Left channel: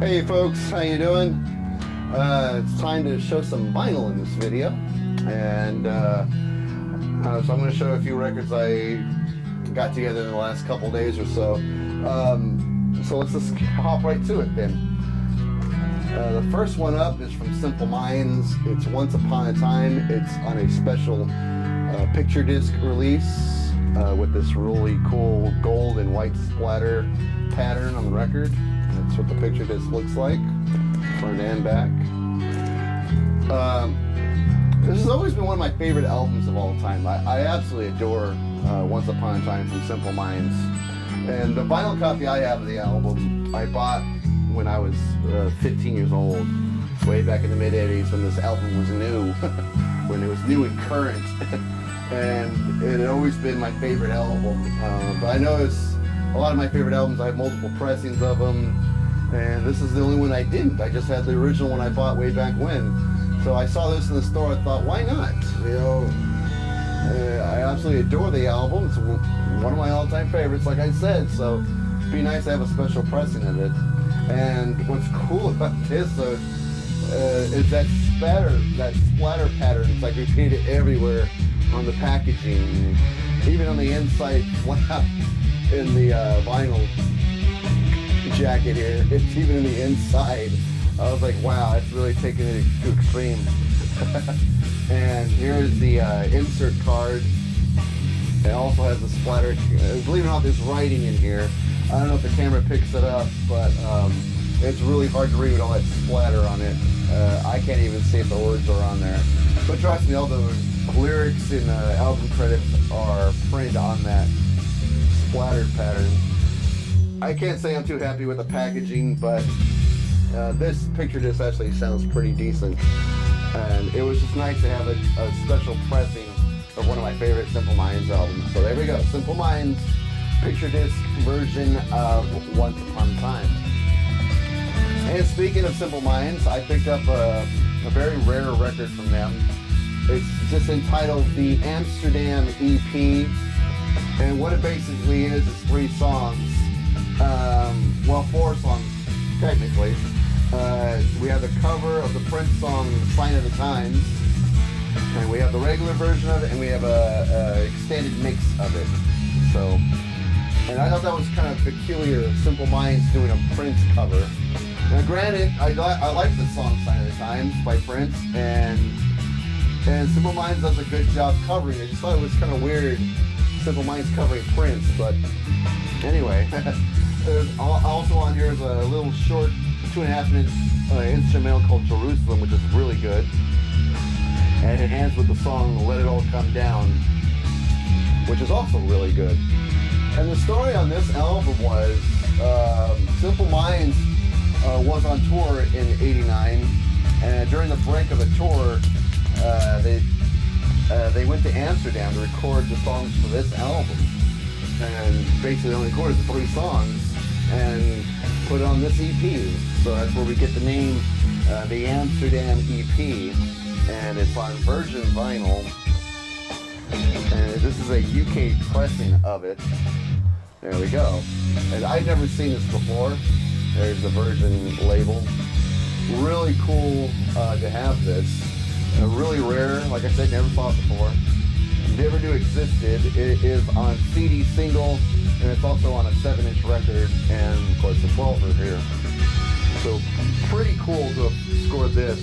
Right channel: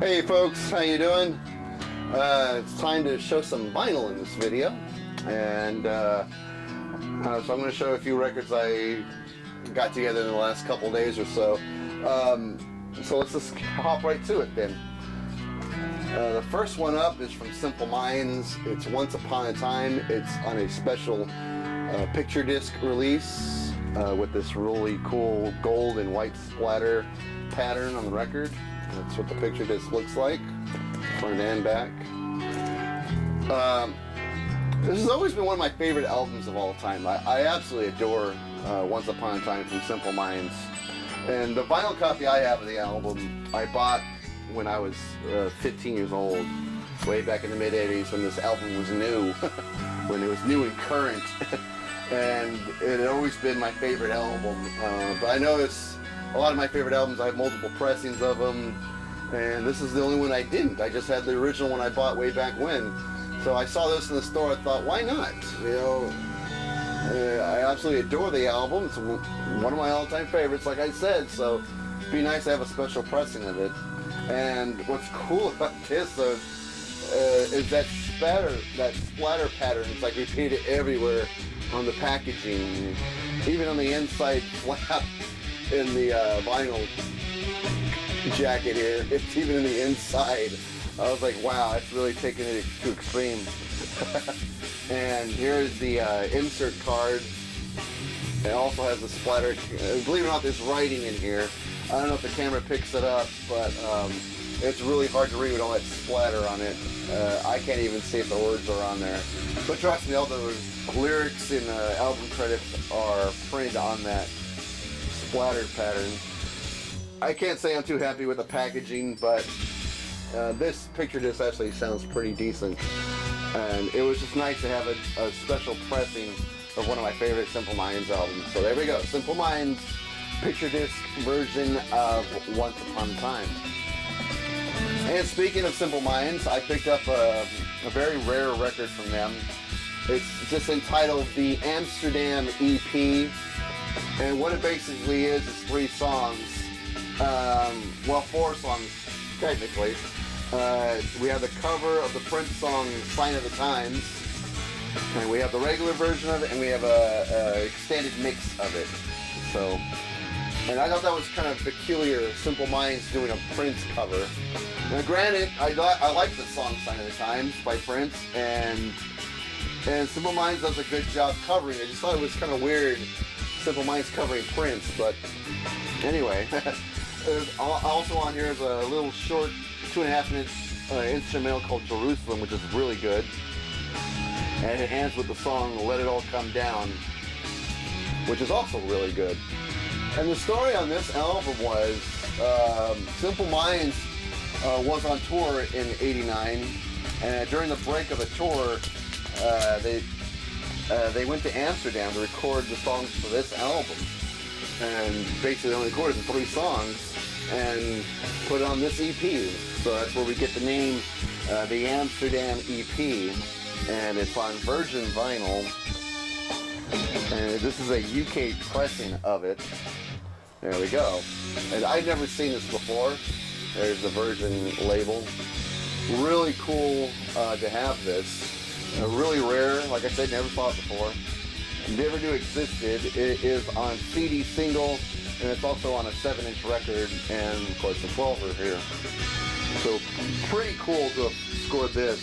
Hey folks, how you doing? It's time to show some vinyl in this video, and so I'm going to show a few records I got together in the last couple days or so. So let's just hop right to it then. The first one up is from Simple Minds. It's Once Upon a Time. It's on a special picture disc release with this really cool gold and white splatter pattern on the record. That's what the picture disc looks like, front and back. This has always been one of my favorite albums of all time. I absolutely adore Once Upon a Time from Simple Minds. And the vinyl copy I have of the album, I bought when I was 15 years old, way back in the mid-'80s when this album was new, when it was new and current. And it had always been my favorite album. But I noticed a lot of my favorite albums, I have multiple pressings of them, and this is the only one I didn't. I just had the original one I bought way back when. So I saw this in the store, I thought, why not? You know, I absolutely adore the album. It's one of my all-time favorites, like I said, so it'd be nice to have a special pressing of it. And what's cool about this is that splatter pattern. It's like repeated everywhere on the packaging, even on the inside flap in the vinyl jacket here. It's even in the inside. I was like, wow, that's really taking it to extreme. And here's the insert card. It also has the splatter. Believe it or not, there's writing in here. I don't know if the camera picks it up, but it's really hard to read with all that splatter on it. I can't even see if the words are on there. But trust me, all the lyrics and album credits are printed on that splattered pattern. I can't say I'm too happy with the packaging, but this picture disc actually sounds pretty decent. And it was just nice to have a special pressing of one of my favorite Simple Minds albums. So there we go, Simple Minds picture disc version of Once Upon a Time. And speaking of Simple Minds, I picked up a very rare record from them. It's just entitled the Amsterdam EP. And what it basically is 3 songs. Well, 4 songs, technically. We have the cover of the Prince song, Sign of the Times. And we have the regular version of it, and we have a extended mix of it. So, and I thought that was kind of peculiar, Simple Minds doing a Prince cover. Now granted, I like the song Sign of the Times by Prince, and Simple Minds does a good job covering it. I just thought it was kind of weird, Simple Minds covering Prince, but anyway. Also on here is a little short 2.5-minute instrumental called Jerusalem, which is really good. And it ends with the song Let It All Come Down, which is also really good. And the story on this album was Simple Minds was on tour in '89, and during the break of the tour, they went to Amsterdam to record the songs for this album. And basically only recorded the 3 songs and put it on this EP. So that's where we get the name, the Amsterdam EP. And it's on virgin vinyl. And this is a UK pressing of it. There we go. And I've never seen this before. There's the virgin label. Really cool to have this. Really rare. Like I said, never saw it before. Never Knew Existed. It is on CD single, and it's also on a 7-inch record, and of course the 12er here. So pretty cool to have scored this.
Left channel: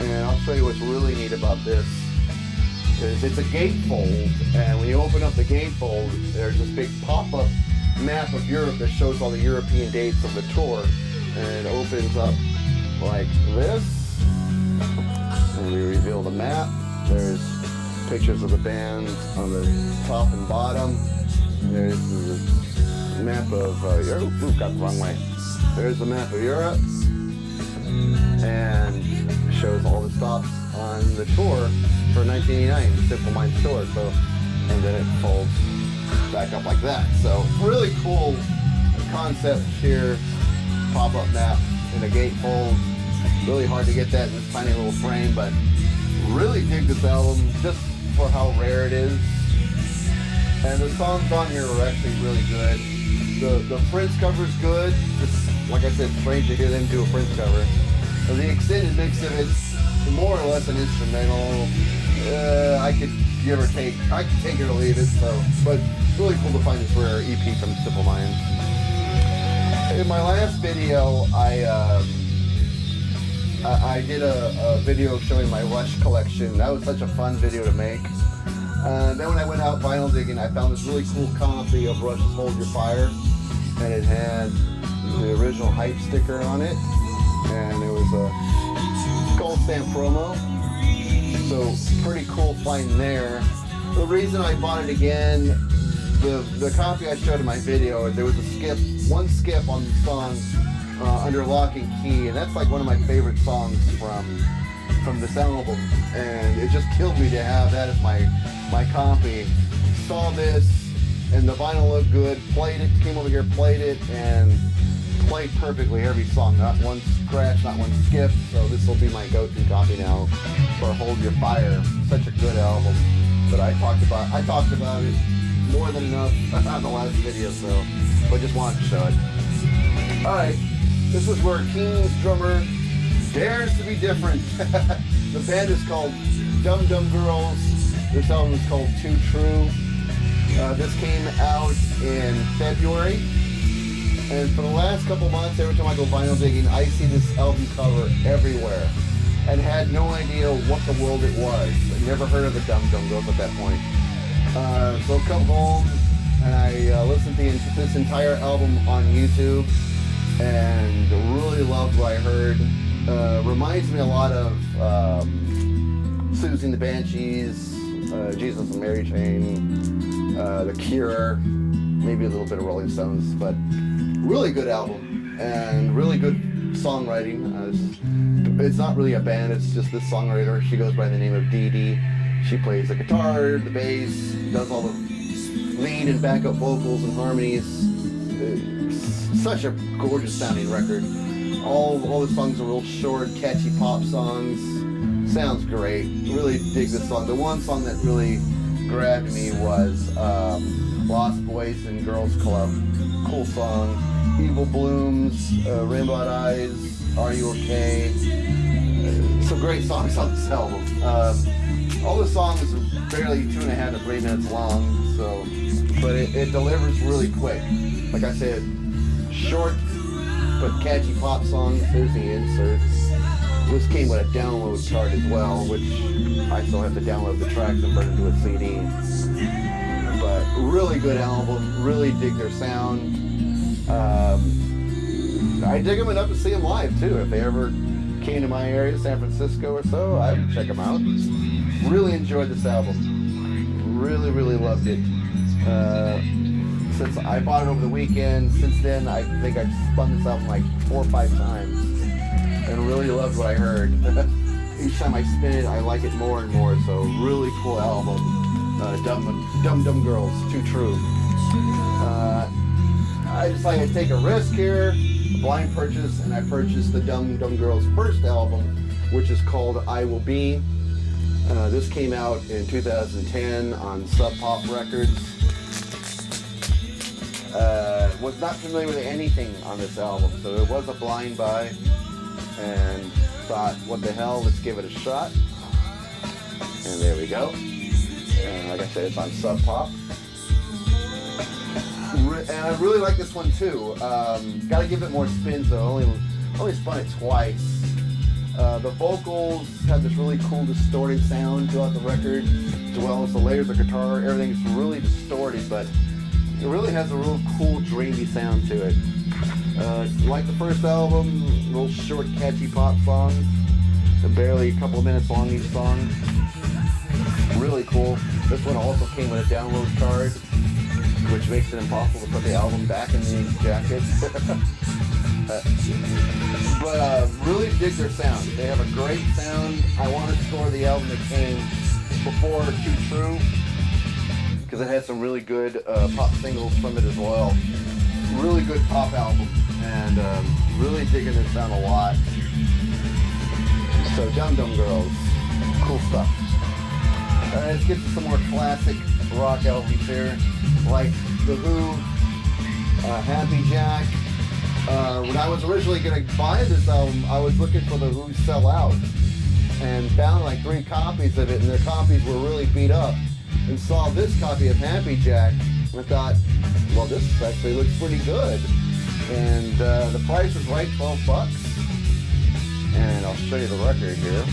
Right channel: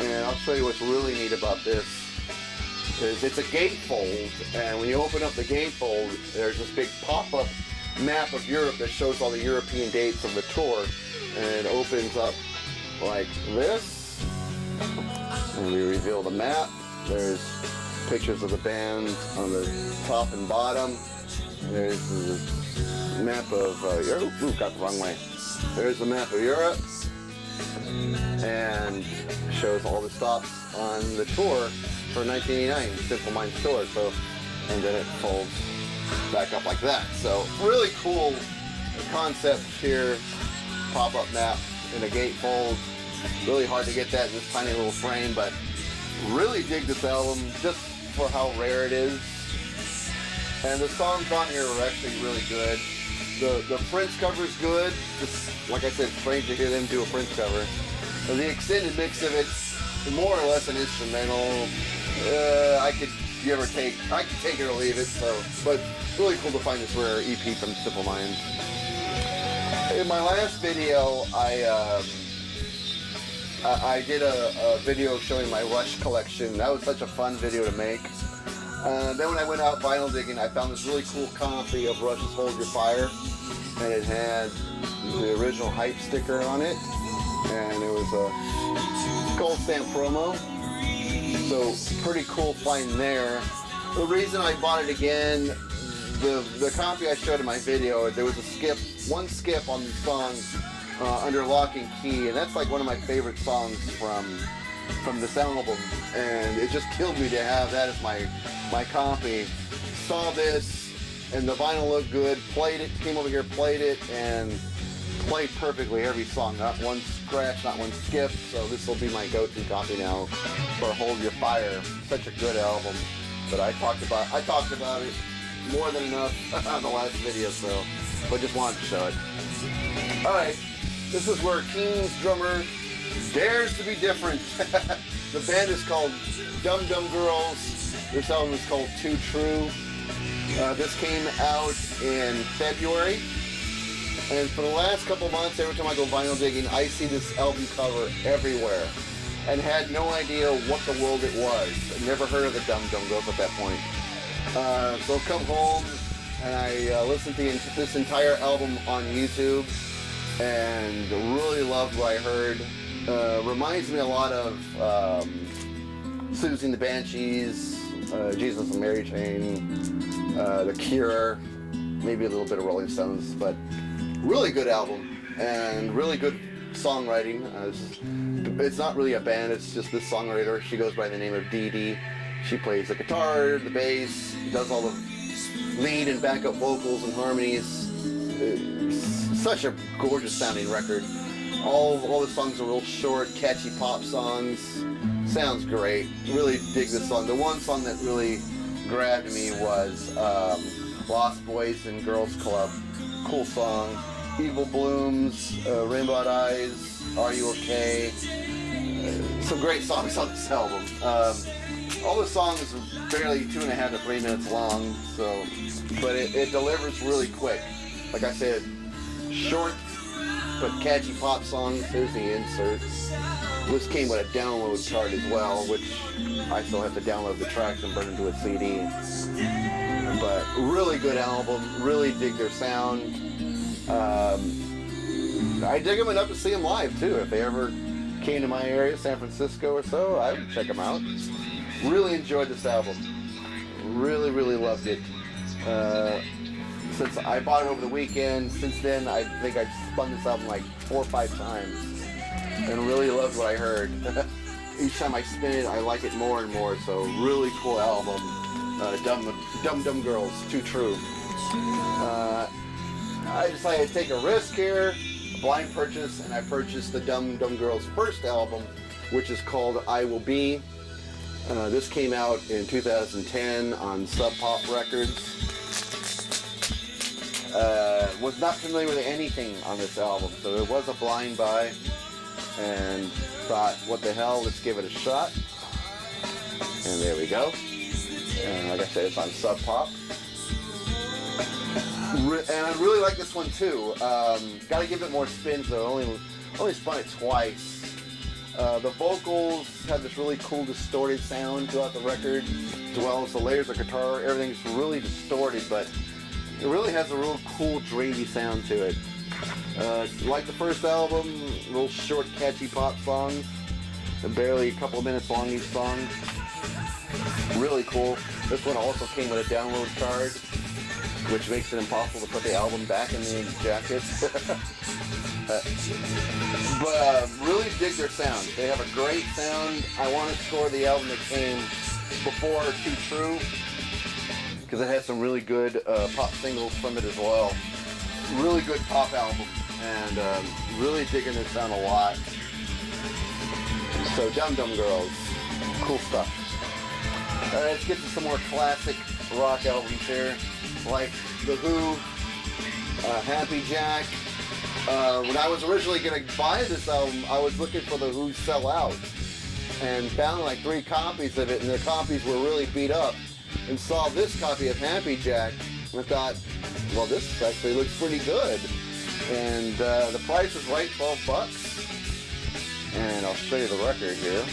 And I'll show you what's really neat about this. It's a gatefold, and when you open up the gatefold, there's this big pop-up map of Europe that shows all the European dates of the tour, and it opens up like this, and we reveal the map. There's pictures of the band on the top and bottom. There's the map of Europe. Ooh, got the wrong way. There's the map of Europe, and shows all the stops on the tour for 1989, Simple Minds tour. So, and then it folds back up like that. So really cool concept here. Pop-up map in a gatefold. Really hard to get that in this tiny little frame, but really dig this album just for how rare it is. And the songs on here are actually really good. The Prince cover is good. like I said, strange to hear them do a Prince cover. The extended mix of it, more or less an instrumental. I could give or take. I could take it or leave it. So, but really cool to find this rare EP from Simple Minds. In my last video, I did a video showing my Rush collection. That was such a fun video to make. Then when I went out vinyl digging, I found this really cool copy of Rush's Hold Your Fire, and it had the original hype sticker on it, and it was a gold stamp promo. So pretty cool find there. The reason I bought it again, the copy I showed in my video, there was one skip on the song under Lock and Key, and that's like one of my favorite songs from this album, and it just killed me to have that as my copy. Saw this, and the vinyl looked good, played it, came over here, played it, and played perfectly every song. Not one scratch, not one skip, so this will be my go-to copy now for Hold Your Fire. Such a good album. But I talked about it more than enough on the last video, so but just wanted to show it. Alright, this is where Keen's drummer dares to be different. The band is called Dum Dum Girls. This album is called Too True. This came out in February. And for the last couple months, every time I go vinyl digging, I see this album cover everywhere. And had no idea what the world it was. I never heard of the Dum Dum Girls at that point. So I come home and I listened to this entire album on YouTube and really loved what I heard. Reminds me a lot of Susie and the Banshees, Jesus and Mary Chain, The Cure, maybe a little bit of Rolling Stones, but really good album and really good songwriting. It's not really a band, it's just this songwriter. She goes by the name of Dee Dee. She plays the guitar, the bass, does all the lead and backup vocals and harmonies. Such a gorgeous sounding record. All the songs are real short, catchy pop songs. Sounds great. Really dig this song. The one song that really grabbed me was Lost Boys and Girls Club. Cool song. Evil Blooms, Rainbow Eyes, Are You Okay? Some great songs on this album. All the songs are barely 2.5 to 3 minutes long, so but it delivers really quick. Like I said, short but catchy pop songs. Here's the insert. This came with a download card as well, which I still have to download the tracks and burn into a CD. But really good album. Really dig their sound. I dig them enough to see them live too. If they ever came to my area, San Francisco or so, I would check them out. Really enjoyed this album. Really, really loved it. Since I bought it over the weekend, since then I think I've spun this album like 4 or 5 times and really loved what I heard. Each time I spin it, I like it more and more, so really cool album. Dum Dum Girls, Too True. I decided to take a risk here, a blind purchase, and I purchased the Dum Dum Girls' first album, which is called I Will Be. This came out in 2010 on Sub Pop Records. Was not familiar with anything on this album, so it was a blind buy, and thought, what the hell, let's give it a shot. And there we go. And like I said, it's on Sub Pop. And I really like this one too. Got to give it more spins though. Only spun it twice. The vocals have this really cool distorted sound throughout the record, as well as the layers of guitar. Everything's really distorted, but it really has a real cool, dreamy sound to it. Like the first album, real short, catchy pop songs, and barely a couple of minutes long each song. Really cool. This one also came with a download card, which makes it impossible to put the album back in the jacket. But really dig their sound. They have a great sound. I want to score the album that came before Too True, because it has some really good pop singles from it as well. Really good pop album, and really digging their sound a lot. So Dum Dum Girls, cool stuff. Alright, let's get to some more classic rock albums here, like The Who, Happy Jack, When I was originally going to buy this album, I was looking for the Who Sell Out and found like 3 copies of it, and their copies were really beat up, and saw this copy of Happy Jack, and I thought, well, this actually looks pretty good. And the price was right, $12. And I'll show you the record here.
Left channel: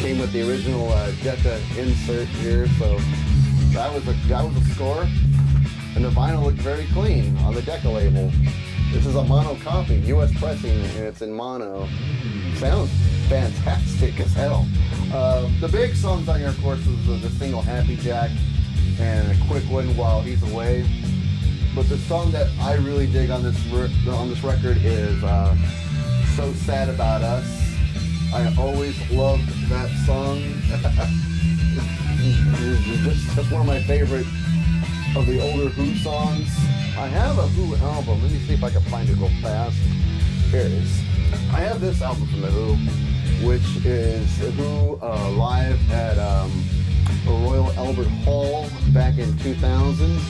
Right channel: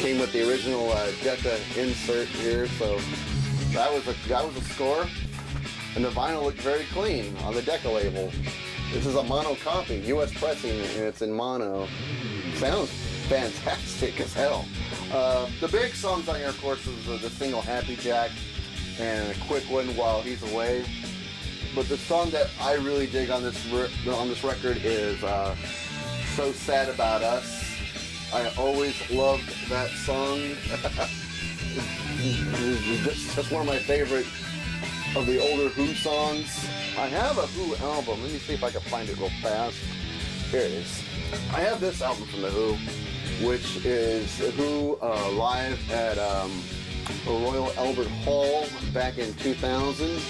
Came with the original Decca insert here, so that was a score. And the vinyl looked very clean on the Decca label. This is a mono copy, US pressing, and it's in mono. Sounds fantastic as hell. The big songs on here, of course, is the single Happy Jack and a quick one, While He's Away. But the song that I really dig on this record is So Sad About Us. I always loved that song. It's just one of my favorite of the older Who songs. I have a Who album. Let me see if I can find it real fast. Here it is. I have this album from the Who, which is Who live at Royal Albert Hall back in 2000.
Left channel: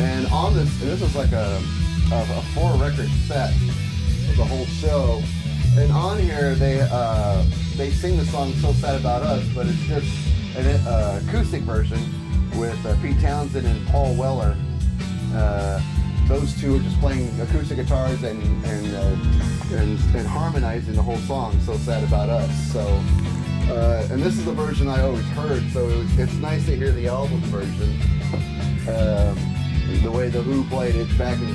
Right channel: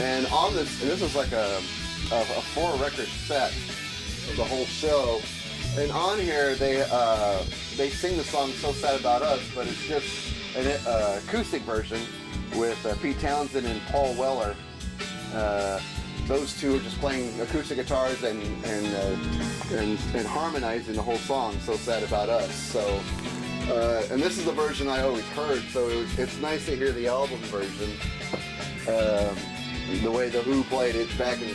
And on this is like a 4-record set of the whole show. And on here they sing the song So Sad About Us, but it's just an acoustic version with Pete Townsend and Paul Weller. Those two are just playing acoustic guitars and harmonizing the whole song, So Sad About Us. So, and this is the version I always heard, so it's nice to hear the album version. The way the Who played it back in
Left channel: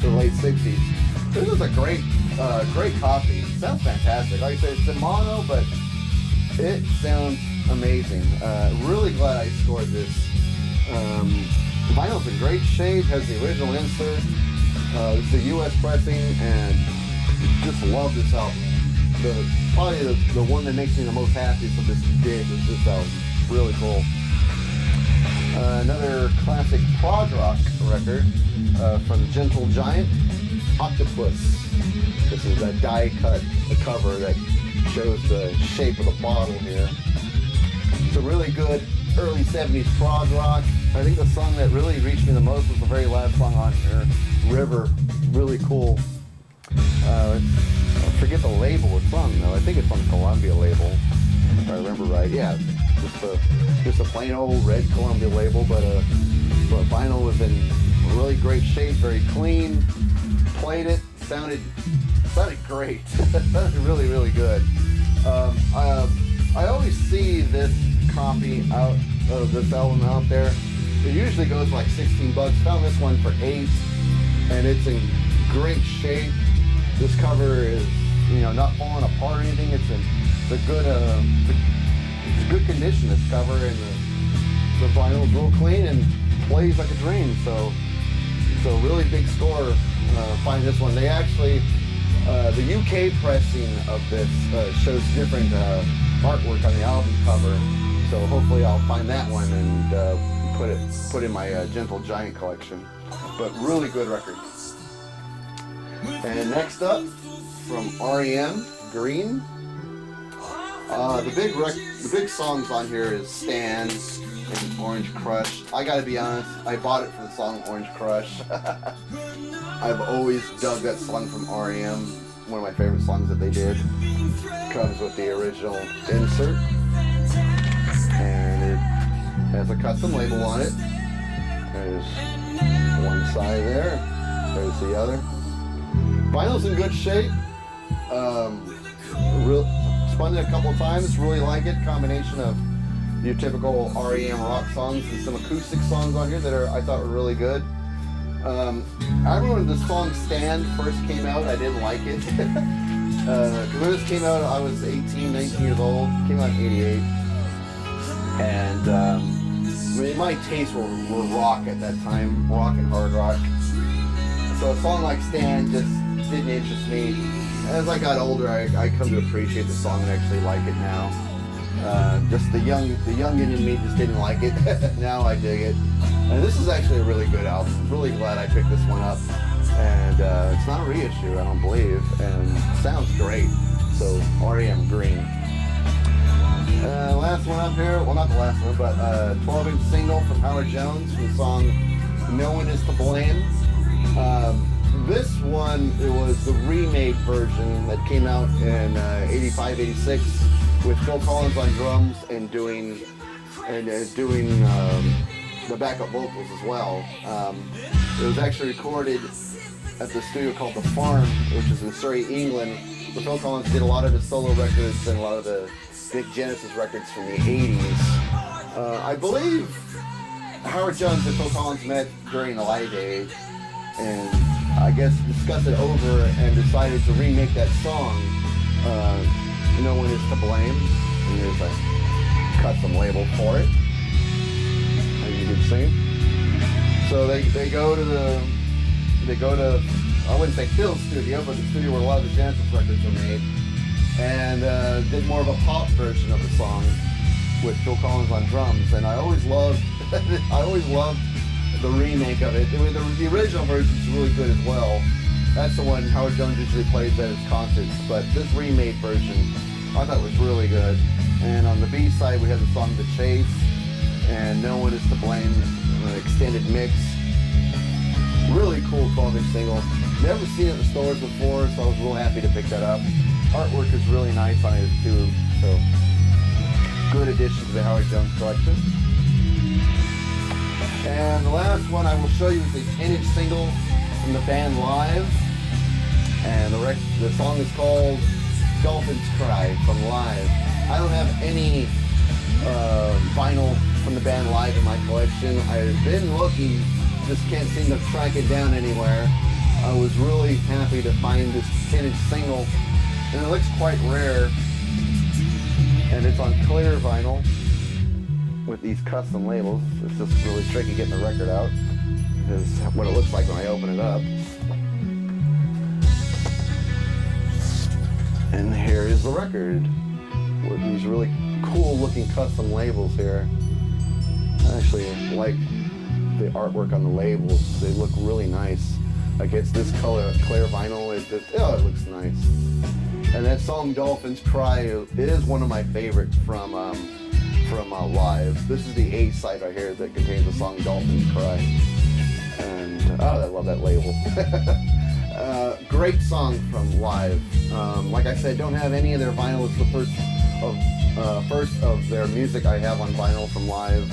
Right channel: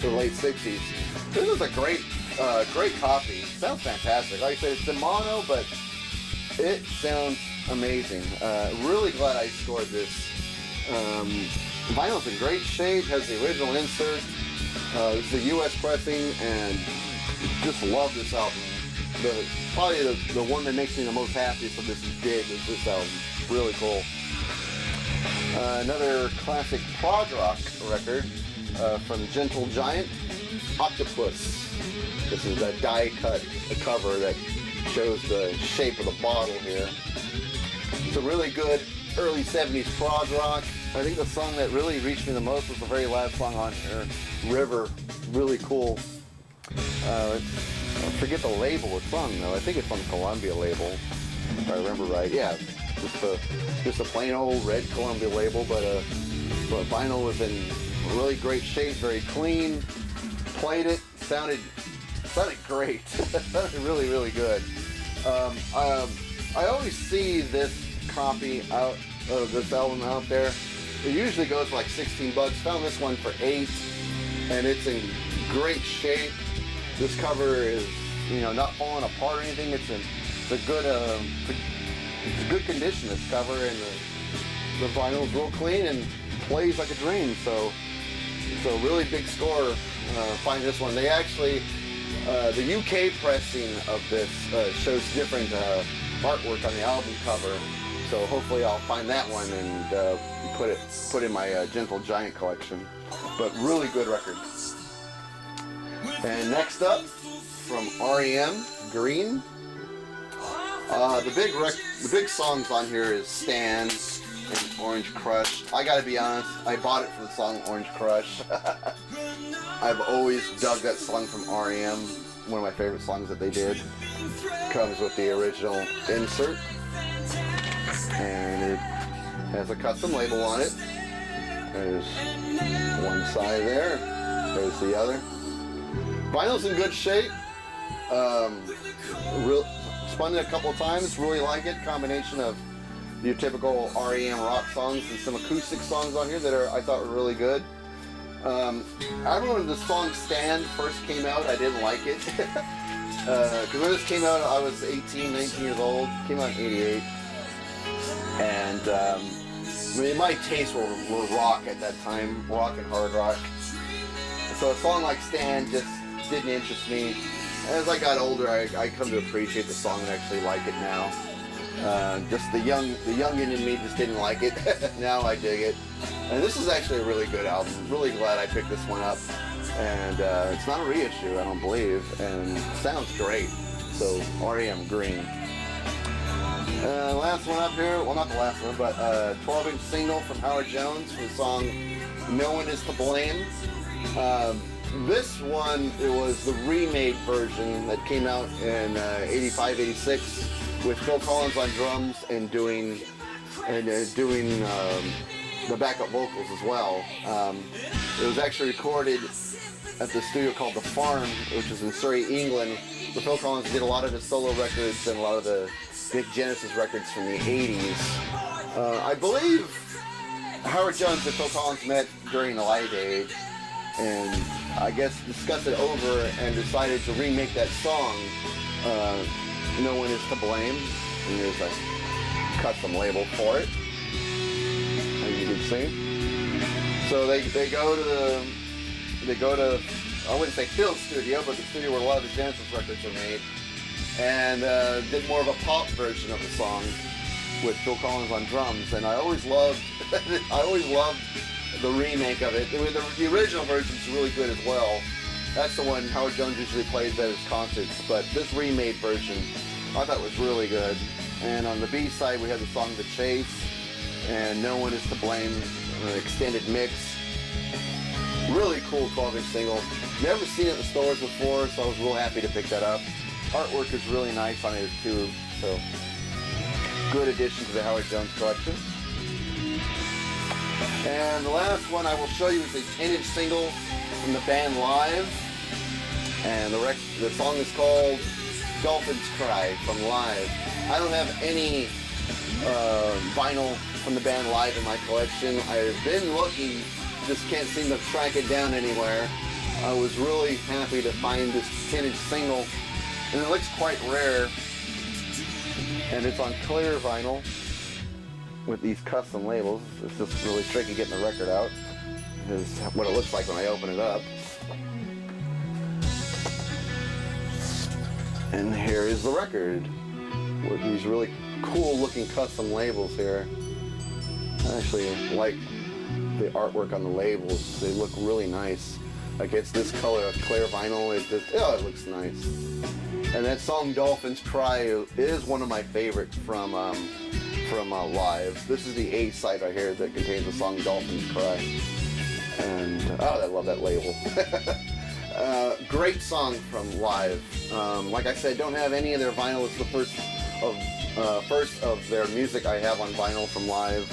the late 60s. This is a great copy. Sounds fantastic. Like I said, it's in mono, but it sounds amazing. Really glad I scored this. Vinyl's in great shape, has the original insert. This is a US pressing, and just love this album. Probably the one that makes me the most happiest of this dig is this album. Really cool. Another classic prog rock record from Gentle Giant, Octopus. This is a die-cut cover that shows the shape of the bottle here. It's a really good early 70s prog rock. I think the song that really reached me the most was the very last song on here, River. Really cool. I forget the label it's on though. I think it's on the Columbia label, if I remember right. Yeah, just a plain old red Columbia label, but vinyl was in really great shape, very clean. Played it, sounded great. Sounded really, really good. I always see this copy out of this album out there. It usually goes for like $16. Found this one for $8, and it's in great shape. This cover is, not falling apart or anything. It's a good condition, this cover, and the vinyl is real clean and plays like a dream. So it's a really big score. Find this one. They actually, the UK pressing of this shows different artwork on the album cover. So hopefully I'll find that one and put in my Gentle Giant collection. But really good record. And next up, from REM, Green. The big songs on here is Stand and Orange Crush. I gotta be honest, I bought it for the song Orange Crush. I've always dug that song from REM. One of my favorite songs that they did. Comes with the original insert. And it has a custom label on it. There's one side there. There's the other. Vinyl's in good shape. Spun it a couple times. Really like it. Combination of your typical REM rock songs and some acoustic songs on here that I thought were really good. I remember when the song Stand first came out, I didn't like it. Because when this came out, I was 18, 19 years old. It came out in 88. And my tastes were rock at that time, rock and hard rock. So a song like Stand just didn't interest me. As I got older, I come to appreciate the song and actually like it now. Just the youngin' in me just didn't like it. Now I dig it. And this is actually a really good album. Really glad I picked this one up. And it's not a reissue, I don't believe. And it sounds great. So REM Green. Last one up here, well not the last one, but 12-inch single from Howard Jones from the song No One Is to Blame. This one, it was the remade version that came out in 85, 86 with Phil Collins on drums and doing the backup vocals as well. It was actually recorded at the studio called The Farm, which is in Surrey, England, where Phil Collins did a lot of his solo records and a lot of the big Genesis records from the 80s. I believe Howard Jones and Phil Collins met during the Live Aid and I guess discussed it over and decided to remake that song, No One Is to Blame. And there's a custom label for it, as you can see. So they go to I wouldn't say Phil's studio, but the studio where a lot of the Genesis records are made, and did more of a pop version of the song with Phil Collins on drums. And I always loved the remake of it. The original version is really good as well. That's the one Howard Jones usually plays at his concerts, but this remade version I thought was really good. And on the B side we had the song The Chase and No One Is to Blame, extended mix. Really cool 12-inch single. Never seen it in the stores before, so I was real happy to pick that up. Artwork is really nice on it too, so good addition to the Howard Jones collection. And the last one I will show you is a 10-inch single from the band Live, and the song is called Dolphins Cry from Live. I don't have any vinyl from the band Live in my collection. I've been looking, just can't seem to track it down anywhere. I was really happy to find this 10-inch single, and it looks quite rare, and it's on clear vinyl with these custom labels. It's just really tricky getting the record out. This is what it looks like when I open it up. And here is the record with these really cool looking custom labels here. I actually like the artwork on the labels. They look really nice against this color of clear vinyl. It looks nice. And that song Dolphins Cry is one of my favorites from Live. This is the A side right here that contains the song Dolphins Cry. And I love that label. Great song from Live. Like I said, don't have any of their vinyl. It's the first of their music I have on vinyl from Live.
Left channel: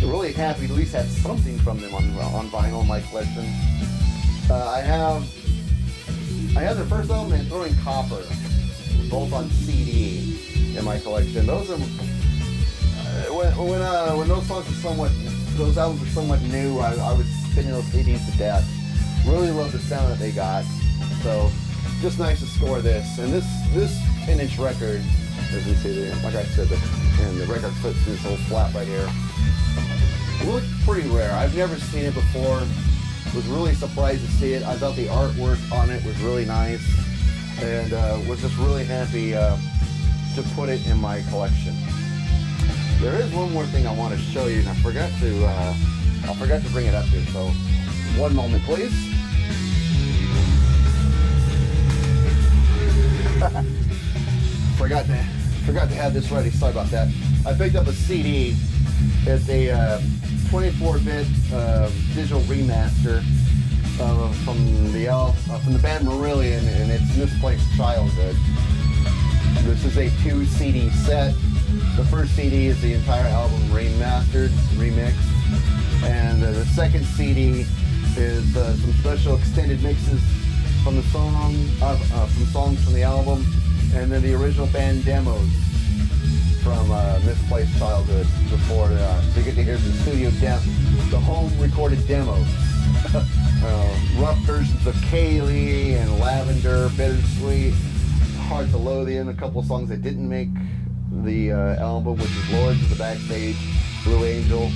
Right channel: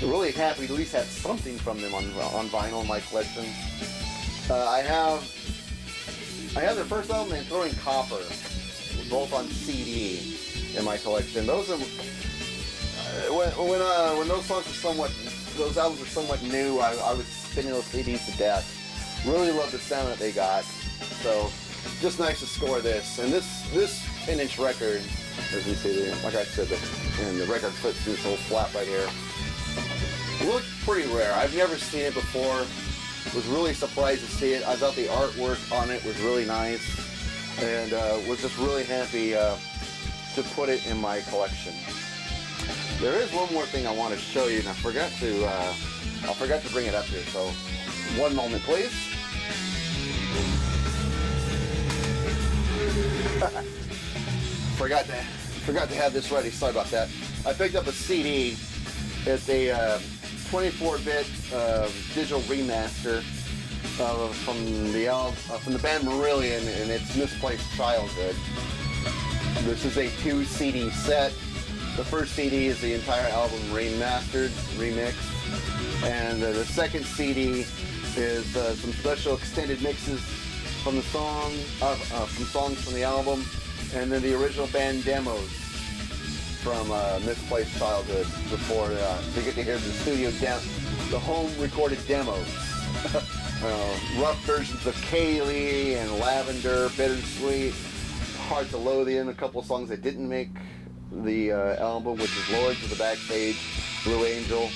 I'm really happy to at least have something from them on vinyl in my collection. I have their first album and Throwing Copper, both on CD in my collection. Those are when those albums are somewhat new. I was spinning those CDs to death. Really love the sound that they got. So just nice to score this. And this 10-inch record, as you see there, like I said, and the record fits through this little flap right here. Looked pretty rare. I've never seen it before. Was really surprised to see it. I thought the artwork on it was really nice, and was just really happy to put it in my collection. There is one more thing I want to show you, and I forgot to bring it up here. So, one moment, please. Forgot to have this ready. Sorry about that. I picked up a CD. It's a 24-bit digital remaster from the band Marillion, and it's Misplaced Childhood. This is a 2-CD set. The first CD is the entire album remastered, remixed, and the second CD is some special extended mixes from the from songs from the album, and then the original band demos from Misplaced Childhood before, so you get to hear the studio the home recorded demos. Rough versions of Kaylee and Lavender, Bittersweet, Hearts of Lothian, a couple of songs that didn't make the album, which is Lords of the Backstage, Blue Angel.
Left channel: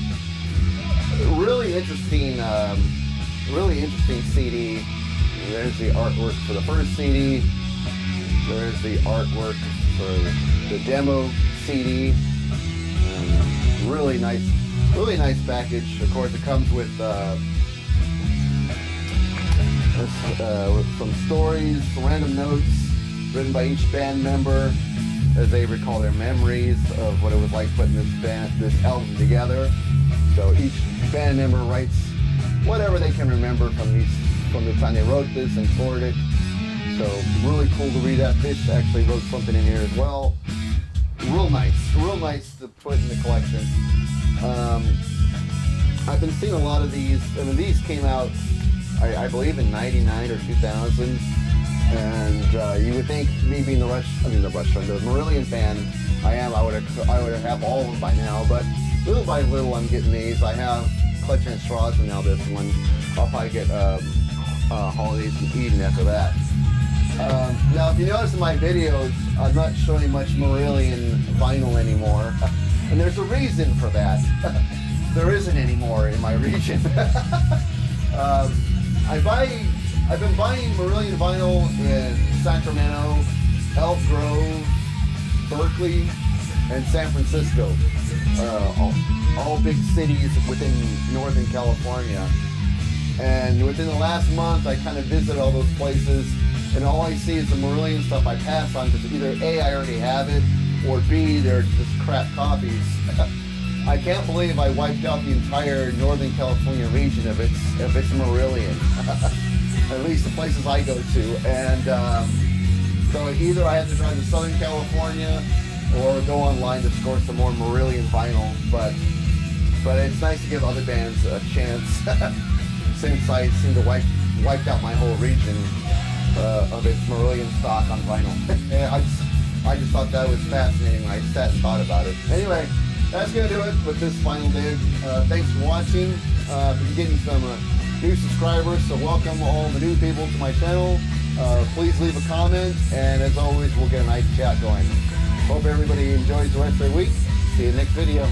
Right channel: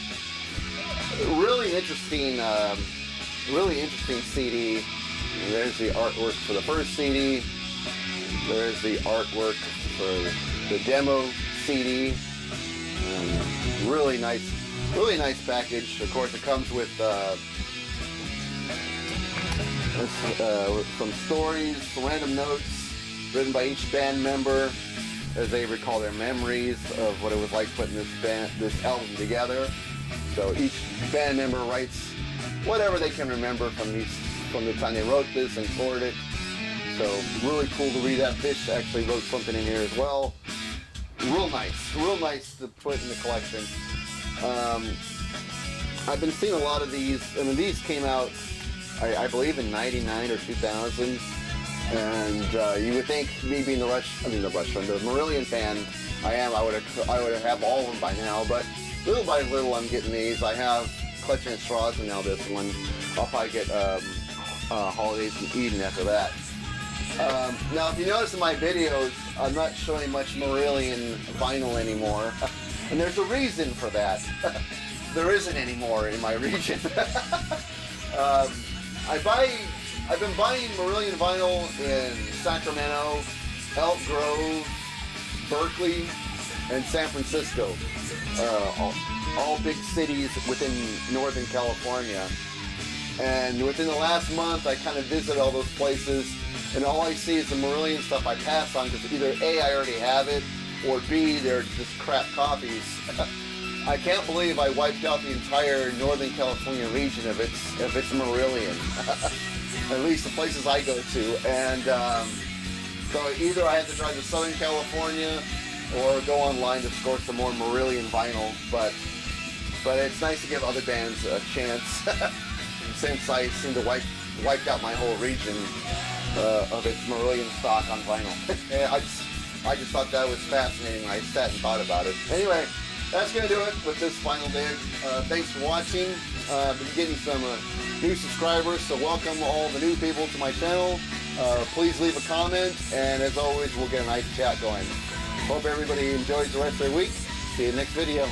Really interesting CD. There's the artwork for the first CD. There's the artwork for the demo CD. Really nice package. Of course, it comes with some stories, some random notes written by each band member as they recall their memories of what it was like putting this album together. So each band member writes whatever they can remember from these from the time they wrote this and toured it. So really cool to read that. Fish actually wrote something in here as well. Real nice to put in the collection. I've been seeing a lot of these. I mean, these came out, I believe, in '99 or 2000. And you would think me being the Marillion fan I would have all of them by now. But little by little, I'm getting these. I have Clutching at Straws and now this one. I'll probably get Holidays in Eden after that. Now, if you notice in my videos, I'm not showing much Marillion vinyl anymore. And there's a reason for that. There isn't any more in my region. I've been buying Marillion vinyl in Sacramento, Elk Grove, Berkeley, and San Francisco. All big cities within Northern California. And within the last month, I kind of visited all those places, and all I see is the Marillion stuff I pass on because either A, I already have it, or B, they're just crap copies. I can't believe I wiped out the entire Northern California region of its Marillion. At least the places I go to. And so either I have to drive to Southern California or go online to score some more Marillion vinyl. But it's nice to give other bands a chance since I seem to wiped out my whole region of its Marillion stock on vinyl. And I just thought that was fascinating when I sat and thought about it. Anyway, that's going to do it with this final dig. Thanks for watching. Been getting some new subscribers, so welcome all the new people to my channel. Please leave a comment, and as always, we'll get a nice chat going. Hope everybody enjoys the rest of their week. See you next video.